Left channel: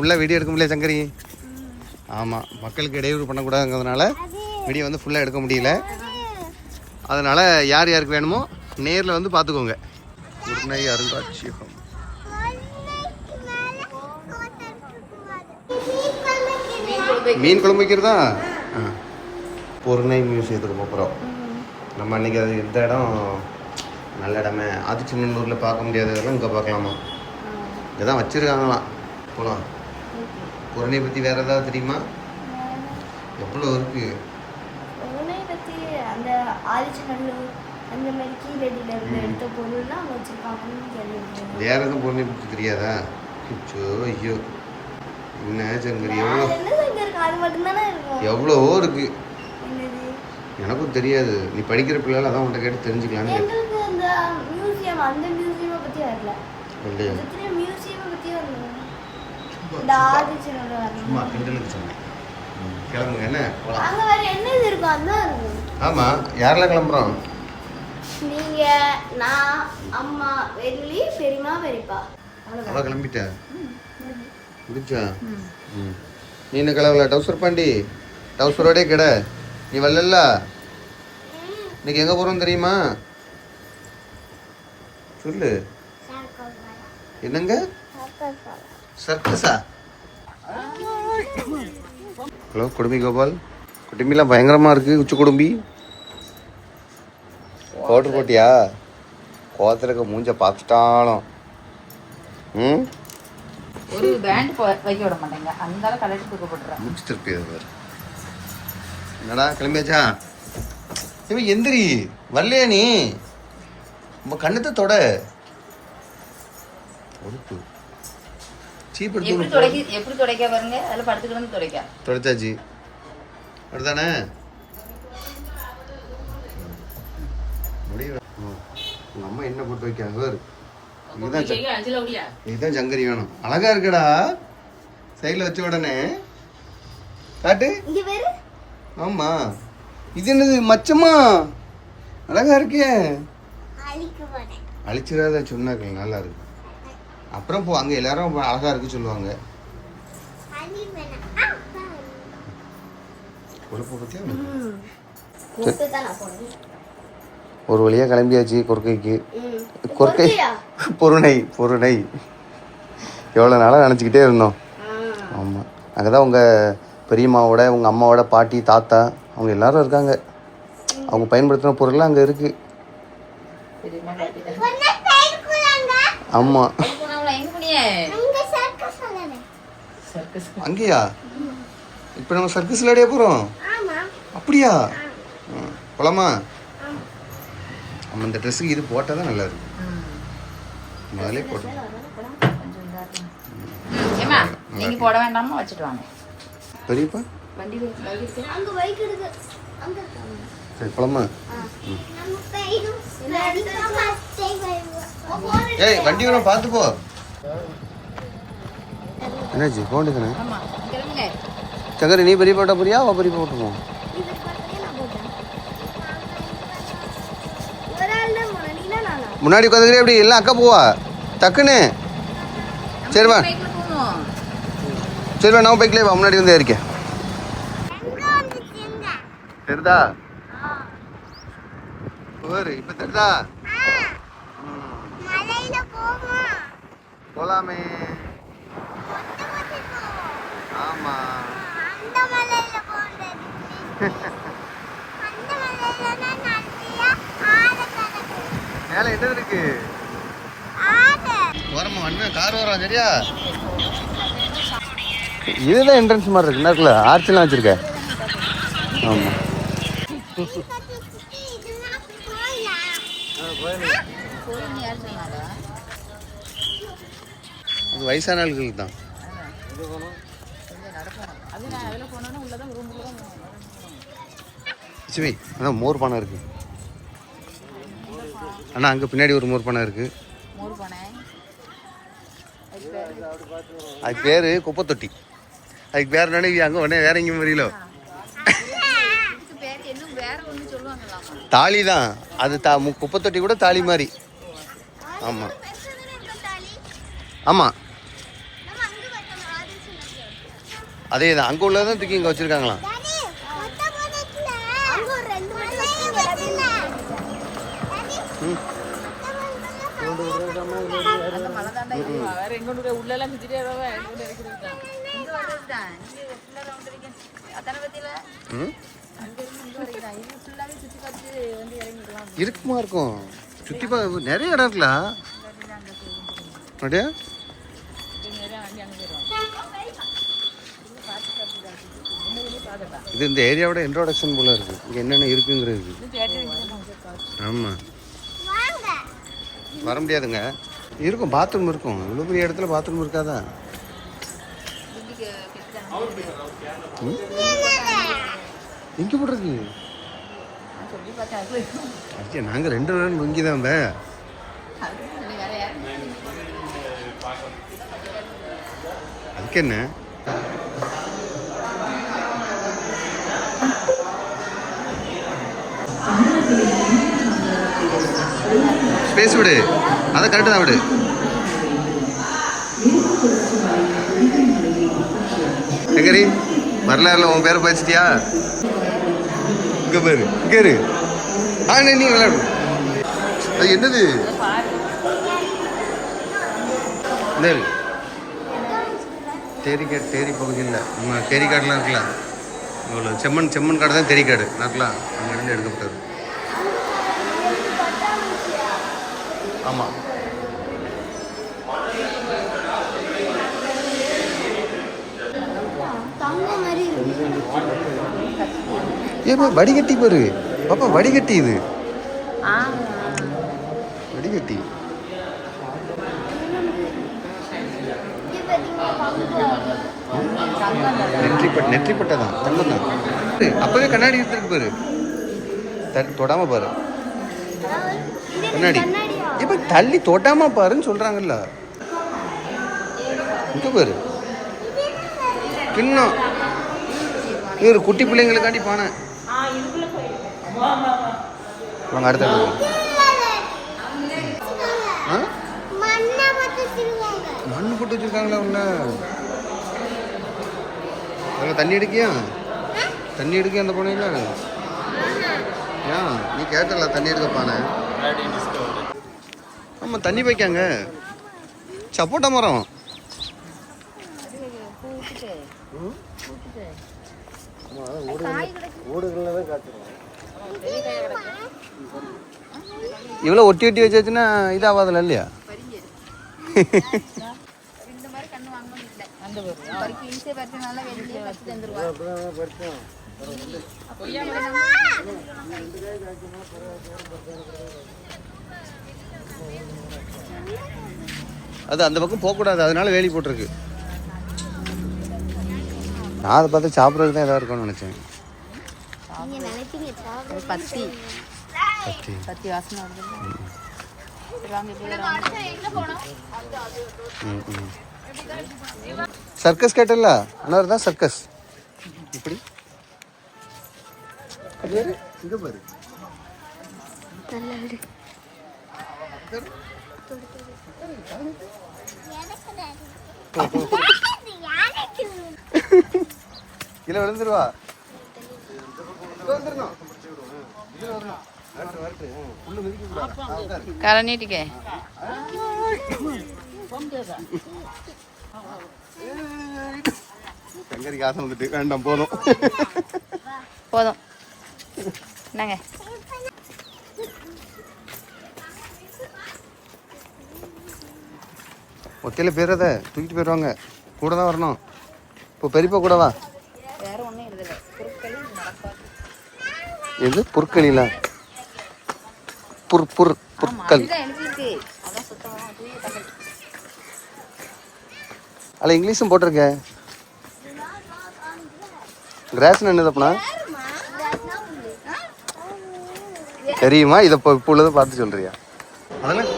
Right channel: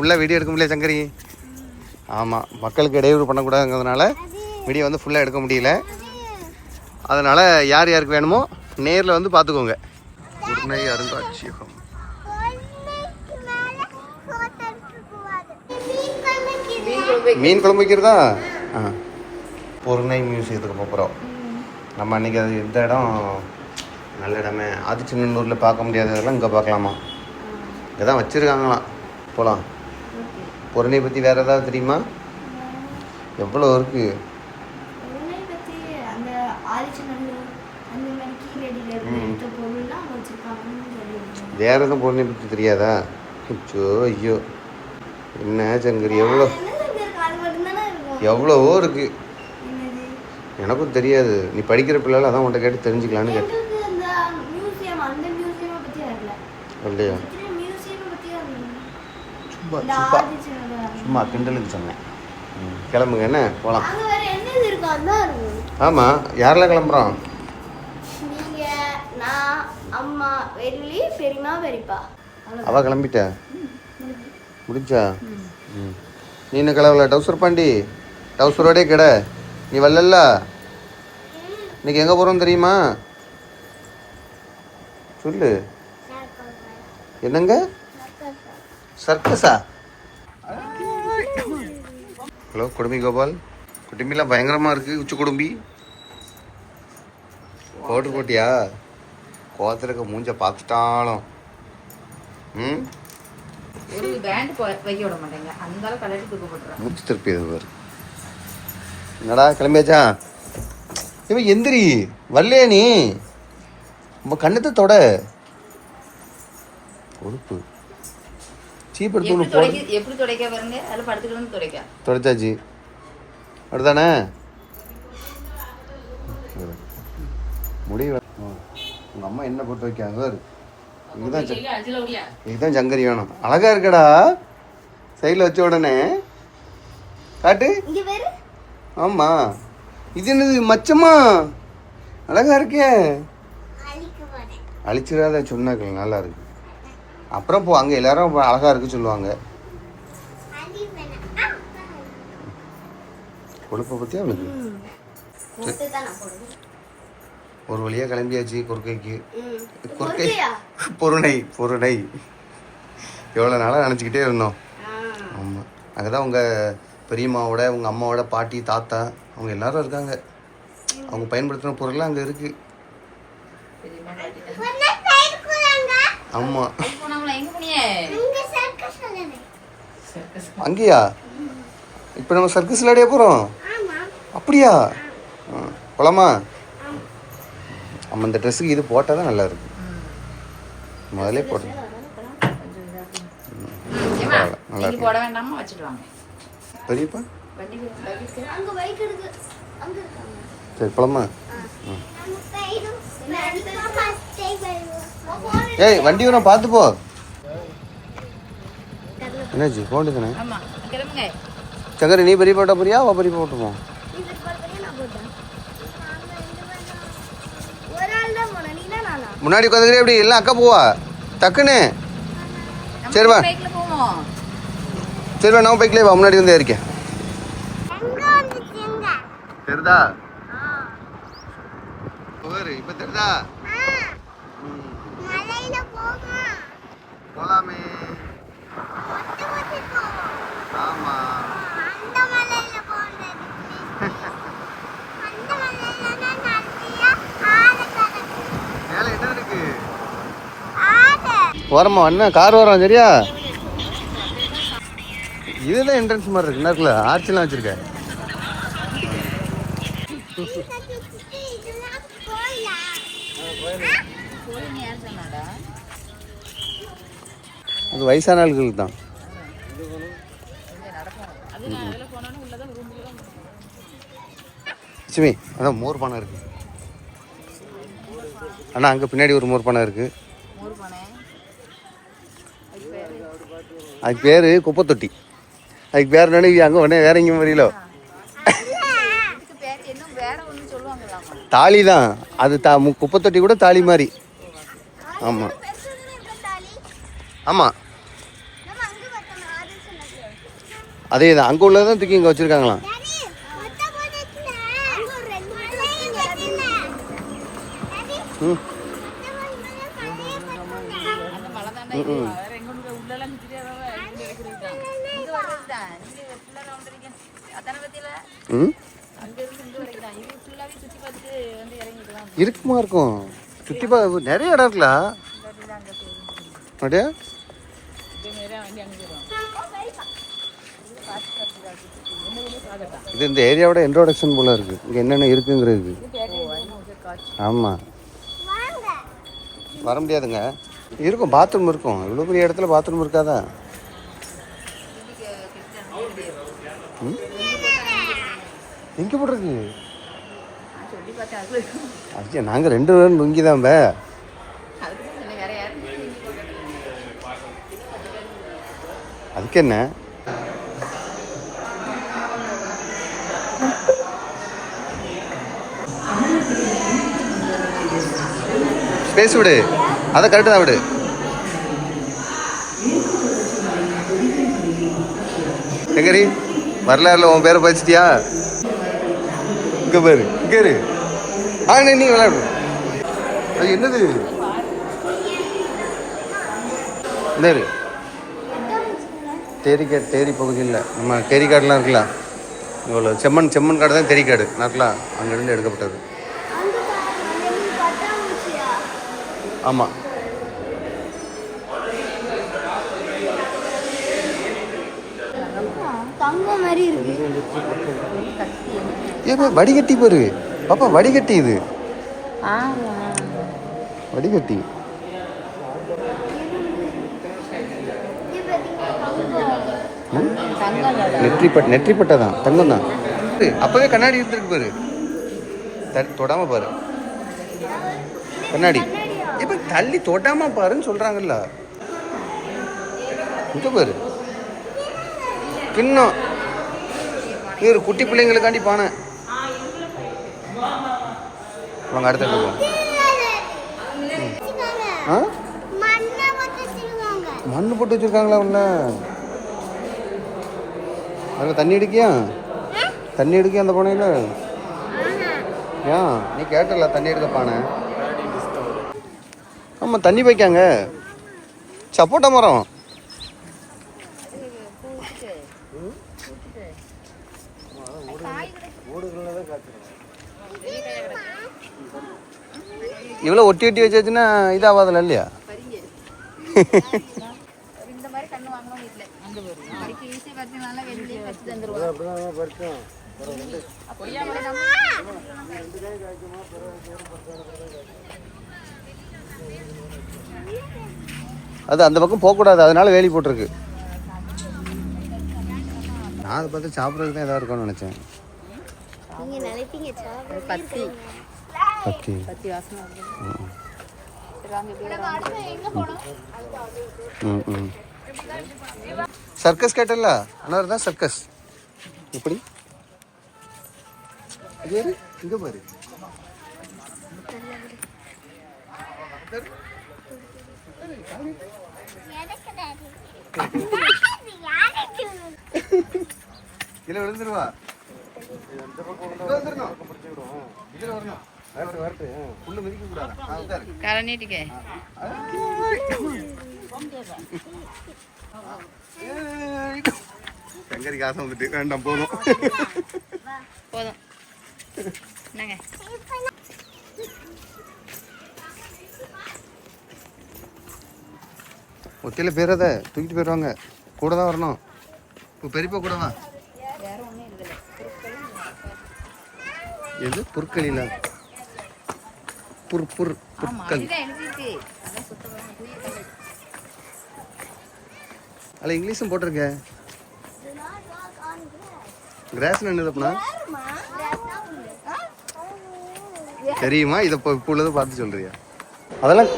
ஃபுல்லாக வீடியோ எடுக்க முடியல சங்கரி. ஆமாம், மக்களுக்கு இடையூறு பண்ணக்கூடாதுங்கிறதுனால வீடியோ வந்து ஃபுல்லாக எடுக்க முடியல. அதனால் யார் யாருக்கு வேணுமோ நேரில் வந்து பார்த்துக்கோங்க. பொருணை அருங்காட்சியகம். மீன் குழம்பு வைக்கிறதா? பொருணை மியூசியத்துக்கு போகிறோம் நம்ம. அன்றைக்கி அது எந்த இடம் நல்ல இடமே, ஆதிச்சநல்லூரில் பார்க்க முடியாததெல்லாம் இங்கே பார்க்கலாமா? இங்கே தான் வச்சுருக்காங்களாம். போகலாம். பொருணை பற்றி வேறு ஏதாவது தெரியுமா? எவ்வளோ இருக்குது வேறு எதுவும் பொருணை பற்றி தெரியாதா? ஐயோ ஐயோ, என்ன சங்கரி, எவ்வளவோ இருக்கு. எனக்கும் தெரியாது. நீ படிக்கிற பிள்ளைல அதான் உன்கிட்ட கேட்டு தெரிஞ்சுக்கலான்னு கேட்டேன். இல்லையா, சும்மா கிண்டலுக்கு சொன்னேன். கிளம்புங்க, என்ன போகலாம். ஆமாம், யாரெல்லாம் கிளம்புறோம்? நீங்க, நான், அம்மா, வெள்ளி, பெரியம்மா, பெரியப்பா. அவ கிளம்பிட்டா? முடிச்சா? நீ என்ன கிளம்பல? டவுசர் பாண்டி, டவுசரோடே கிட. நீ வரல. இன்னைக்கு எங்கே போகிறோம் தெரியுமா? சொல்லு. என்னங்க? சர்க்கஸா? ஹலோ குடும்பி கோபால். குடும்பிலாம் பயங்கரமாக இருக்குது. உச்சி குடும்பி பவுட்ரு போட்டியா? கோத்திரக்க மூஞ்ச பார்த்துட்டாலும் ஒரு பேண்ட் வைக்க விட மாட்டேங்க. அந்த கலருக்கு தூக்க போட்டுறேன். மூச்சு திருப்பி இது. என்னடா கிளம்பியாச்சா? இவன் எந்திரி வரலையா? நீ நம்ம கண்ணத்தை தொட பொறுப்பு. எப்படி துடைக்க பாருங்க. அதில் படுத்துக்கிட்டு துடைக்க துடைச்சாச்சு. அப்படிதானே முடிவு. உங்க அம்மா என்ன போட்டு வைக்காங்க? இதுதான் சங்கரி வேணும். அழகா இருக்கடா. சைடில் வச்ச உடனே காட்டு. ஆமா, இது என்னது மச்சமா? அழகா இருக்கே. அழிச்சிடாத சொன்னாக்கள். நல்லா இருக்கு. அப்புறம் போ, அங்கே எல்லாரும் அழகா இருக்கு சொல்லுவாங்க. கொழுப்பை பற்றியா? ஒரு வழியாக கிளம்பியாச்சு கொற்கைக்கு. கொற்கை பொருணை. பொருணை எவ்வளோ நாளாக நினச்சிக்கிட்டே இருந்தோம். ஆமாம், அங்கே தான் உங்கள் பெரியம்மாவோட, உங்கள் அம்மாவோட பாட்டி, தாத்தா அவங்க எல்லாரும் இருக்காங்க. அவங்க பயன்படுத்தின பொருள்லாம் அங்கே இருக்குது. ஆமாம், அங்கேயா? இப்போ நம்ம சர்க்கஸ் விளையாடிய போகிறோம். அப்படியா? போலாமா? நம்ம இந்த ட்ரெஸ்ஸுக்கு இது போட்டால் தான் நல்லா இருக்கு. முதலே போட்டு பெரியப்பா. சரி போலாமா? ஏய், வண்டி வேணா பார்த்து போ. என்னாச்சு? போண்டு தானே சங்கரி. நீ பெரிய போட்டா போறியா? அவ பெரிய போட்டுருவோம். முன்னாடி உட்காந்துக்கிறே எப்படி? எல்லாம் அக்கா போவா டக்குன்னு. சரிவா சரிவா, நான் பைக்லேயே வா. முன்னாடி வந்து இருக்கேன். தெரிதா? இப்போ தெரிதா? போலாமே. ஆமா, மேல என்ன இருக்கு? ஓரமா என்ன கார் வரும். சரியா? இதுதான் என்ட்ரன்ஸ் மாதிரி இருக்கு. நேரத்தில் ஆர்ச்செல்லாம் வச்சிருக்க. ஆமா, இது வயசான ஆளுகளுக்கு தான். லட்சுமி, அதான் மோர் பானை இருக்கு. அண்ணா அங்கே பின்னாடி ஒரு மோர் பானை இருக்கு. அதுக்கு பேர் குப்பை தொட்டி. அதுக்கு பேர் நினைவு அங்கே உடனே வேற எங்கேயும் வரையில தாலி தான் அது. குப்பை தொட்டி கூட தாலி மாதிரி. ஆமாம் ஆமாம், அதே தான் அங்கே உள்ளதான் தூக்கி இங்கே வச்சுருக்காங்களாம். ம் அந்த மழை தாண்டா இது வேற எங்கொண்டு போய் உள்ளெல்லாம் சுற்றிட்டே வருவேன் எங்கொண்டு இறக்கி விட்டான் இங்கே வர்றதுதான் இங்கே ஃபுல்லாக வந்துருக்கேன் அத்தனை பற்றியில் ம் அங்கேருந்து இங்கே வருதுதான் இது ஃபுல்லாகவே சுற்றி பார்த்துட்டு வந்து இறங்கிக்கலாம் இருக்குமா இருக்கும். சுற்றி நிறைய இடம் இருக்குல்ல அங்கே அப்படியா? நிறைய வண்டி அங்கே போயிடுவாங்க. இது இந்த ஏரியாவோட இன்ட்ரோடக்ஷன் போல இருக்கு. இங்கே என்னென்ன இருக்குங்கிறது. ஆமாம் வர முடியாதுங்க. இருக்கும் பாத்ரூம் இருக்கும். இவ்வளோ பெரிய இடத்துல பாத்ரூம் இருக்காதா? எங்கே போடுறது? ஐயா நாங்கள் 2 பேரும் நொங்கி தான் அதுக்கு என்ன ஸ்பேஸ் விடு, அதை கரெக்டு தான் விடு. எங்கரி வரலாறுல உன் பேரை படிச்சிட்டியா? இங்கே பேரு இங்கே இரு. நீ விளையாடு. அது என்னது? என்ன தேரிக்காடு? தேரி பகுதி இல்லை, நம்ம தேரிக்காடுலாம் இருக்கலாம். இவ்வளோ செம்மண் காடு தான் தேரிக்காடு நாட்லாம் அங்கேருந்து எடுக்கப்பட்டது. ஆமாம் ஏன் வடிகட்டி பாரு பாப்பா, வடிகட்டி. இது வடிகட்டி. நெற்றிப்பட்டை தான், தங்கம் தான். அப்பவே கண்ணாடி எடுத்துருக்கு பாரு, தொடாம பாரு கண்ணாடி. இப்ப தள்ளி தொடாம பாருன்னு சொல்றாங்கல்ல. இங்க பாரு கிண்ணம். இது ஒரு குட்டி பிள்ளைங்களுக்காண்டி பானை. வாங்க அடுத்த இடத்துக்கு. மண்ணு போட்டு வச்சிருக்காங்களா உள்ள? அதில் தண்ணி எடுக்கியா? தண்ணி எடுக்கியா அந்த பானையில்? ஏன் நீ கேட்டல தண்ணி எடுக்க பானை? ஆமாம் தண்ணி வைக்காங்க. சப்போட்டா மரம். இவ்வளோ ஒட்டி ஒட்டி வச்சாச்சுன்னா இதாகாதுல இல்லையா? அது அந்த பக்கம் போகக்கூடாது, அதனால வேலி போட்டிருக்கு. நான் அதை பார்த்து சாப்பிட்றதுக்கு தான் எதாவது இருக்கும்னு நினச்சேன். சர்க்கஸ் கேட்டல அண்ணா தான் சர்க்கஸ். இப்படி இங்க பாரு. கீழே விழுந்துருவா. வந்துடணும், இதுல வரணும். உள்ள மிதிக்க கூடாது. காலை நீட்டிக்க. சங்கரி காசு வந்துட்டு வேண்டாம், போதும் போதும். என்னங்க ஒத்தையில பேரத தூக்கிட்டு போயிடுவாங்க. கூட தான் வரணும். இப்போ பெரியப்பா கூட வா. எது புற்களில? புற்கள் அல்ல, இங்கிலீஷும் போட்டிருக்க. கிராஸ்னு என்னதுப்பா தெரியுமா? இதை இப்போ உள்ளதை பார்த்து சொல்றியா? அதெல்லாம்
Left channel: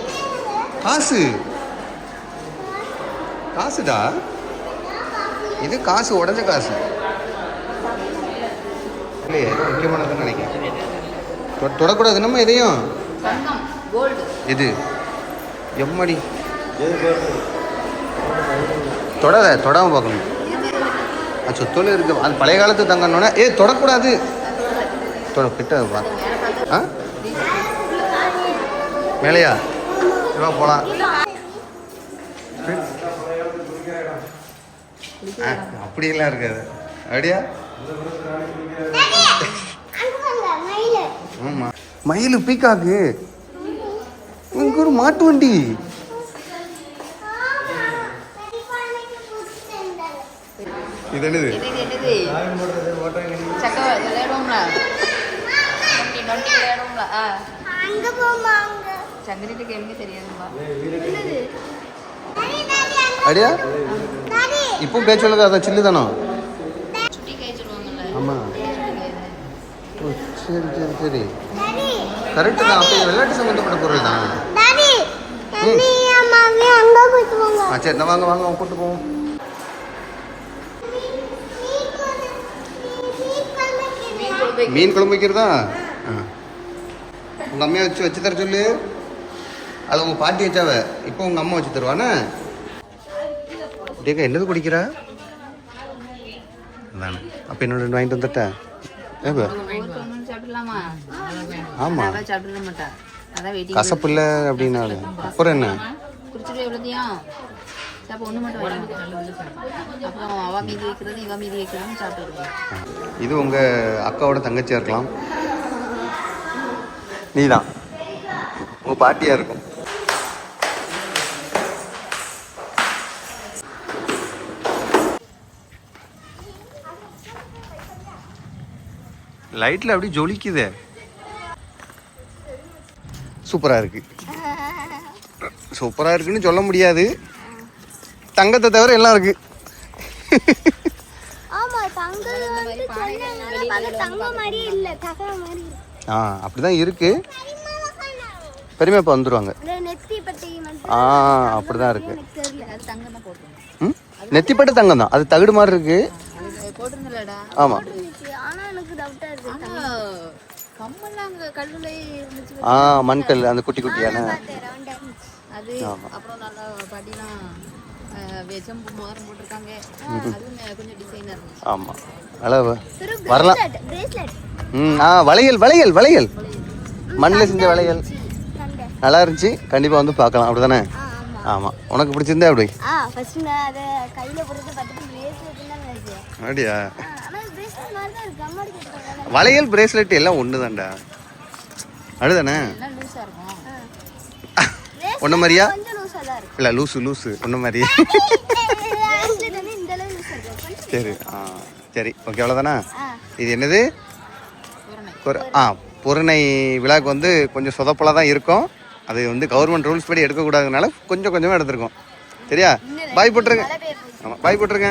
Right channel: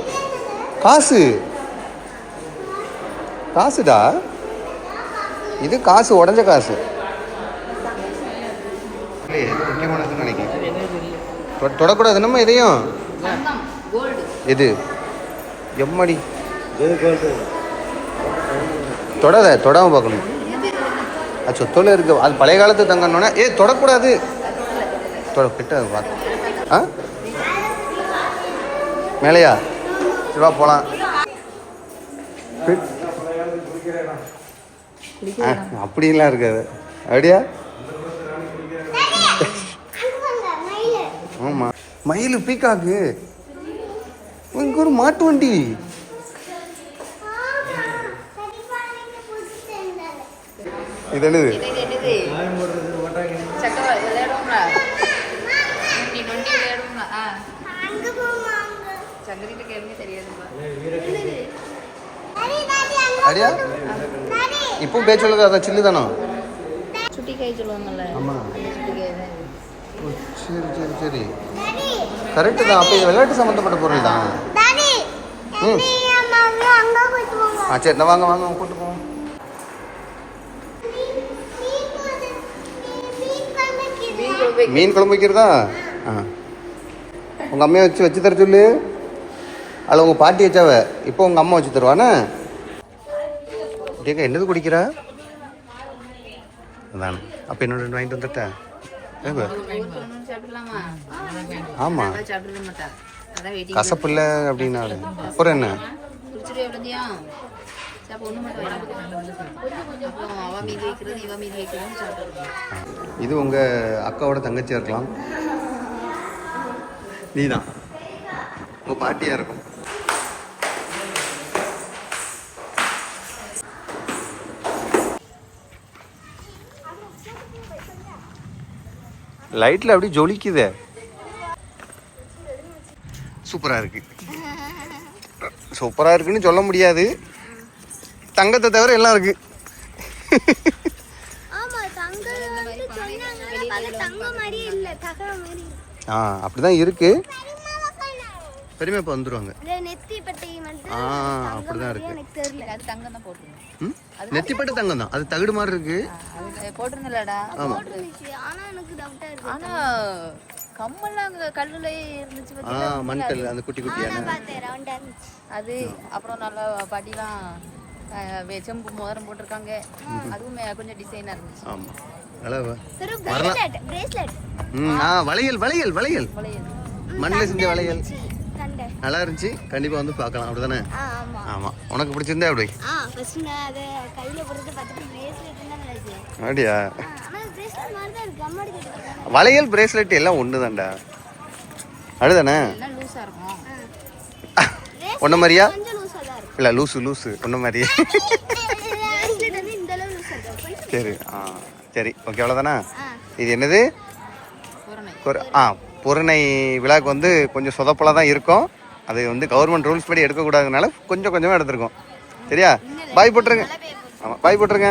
காசு. காசுடா இது. காசு உடஞ்ச காசு இல்லையே, முக்கியமானதுன்னு நினைக்கிறேன். தொடக்கூடாது நம்ம இதையும். எது எம்மடி தொடாத, தொடாம பார்க்கணும். அது சொத்தோல இருக்கு. அது பழைய காலத்து தங்கன்னொன்னே தொடக்கூடாது. கிட்ட பார்த்து ஆ மேலையா வா போகலாம். அப்படிலாம் இருக்காது. அப்படியா? ஆமா மயில் பீக்காக்கு இங்க ஒரு மாட்டு வண்டி. இது என்னது? அடியா இப்போ பேச்சு உள்ளது அதான் சில்லு தானோ? சுட்டி கை சொல்லுவாங்கல்ல. ஆமா சரி சரி சரி கரெக்டு தான். அப்போ இது விளையாட்டு சம்மந்தப்பட்ட பொருள் தான். சரி நான் வாங்க வாங்க கூப்பிட்டு போவோம். மீன் குழம்பு வைக்கிறதா? உங்கள் அம்மையை வச்சு தர சொல்லு. அதில் உங்கள் பாட்டி வச்சாவ, இப்போ உங்கள் அம்மா வச்சு தருவானே. தேக்கா என்னது குடிக்கிறா? அதானே. அப்போ என்னோட வாங்கிட்டு வந்துட்டா? ஆமா கசப்பு இல்லை அப்படின்னா அப்புறம் என்ன? இது உங்க அக்காவோட தங்கச்சியா இருக்கலாம். நீதான் உங்க பாட்டியா இருக்கும். லைட்ல அப்படி ஜொலிக்குதே. சூப்பரா இருக்கு. சூப்பரா இருக்குன்னு சொல்ல முடியாது. தங்கத்தை தவிர எல்லாம் இருக்கு. அப்படிதான் இருக்கு. பெருமை இப்ப வந்துருவாங்க. அப்படிதான் இருக்கு. நெத்திப்பட்ட தங்கம் தான். அது தகுடு மாதிரி இருக்கு. ஆமா மண்கல் அந்த குட்டி குட்டியான அது. அப்புறம் நல்லா படிலாம் செம்பு மோதிரம் போட்டிருக்காங்க. அதுவுமே கொஞ்சம் டிசைனா இருந்துச்சு. ஆமா அளவு வரலாம். வளையல் வளையல் வளையல் மண்ணில் செஞ்ச வளையல் நல்லா இருந்துச்சு. கண்டிப்பா வந்து பார்க்கலாம். அப்படிதானே? ஆமா உனக்கு பிடிச்சிருந்தா அப்படி? அப்படியா? வளையல் பிரேஸ்லெட் எல்லாம் ஒண்ணுதான்டா. அப்படிதானே? ஒன்ன மாதிரியா? இல்ல லூசு லூசு ஒன்ன மாதிரியா? சரி சரி ஓகே அவ்வளோதானா? இது என்னது? பொருணை விழாக்கு வந்து கொஞ்சம் சொதப்பலாக தான் இருக்கும். அது வந்து கவர்மெண்ட் ரூல்ஸ் படி எடுக்கக்கூடாதுனால கொஞ்சம் கொஞ்சமாக எடுத்துருக்கோம். சரியா? பாய் போட்டுருங்க. ஆமாம் பாய் போட்டுருங்க.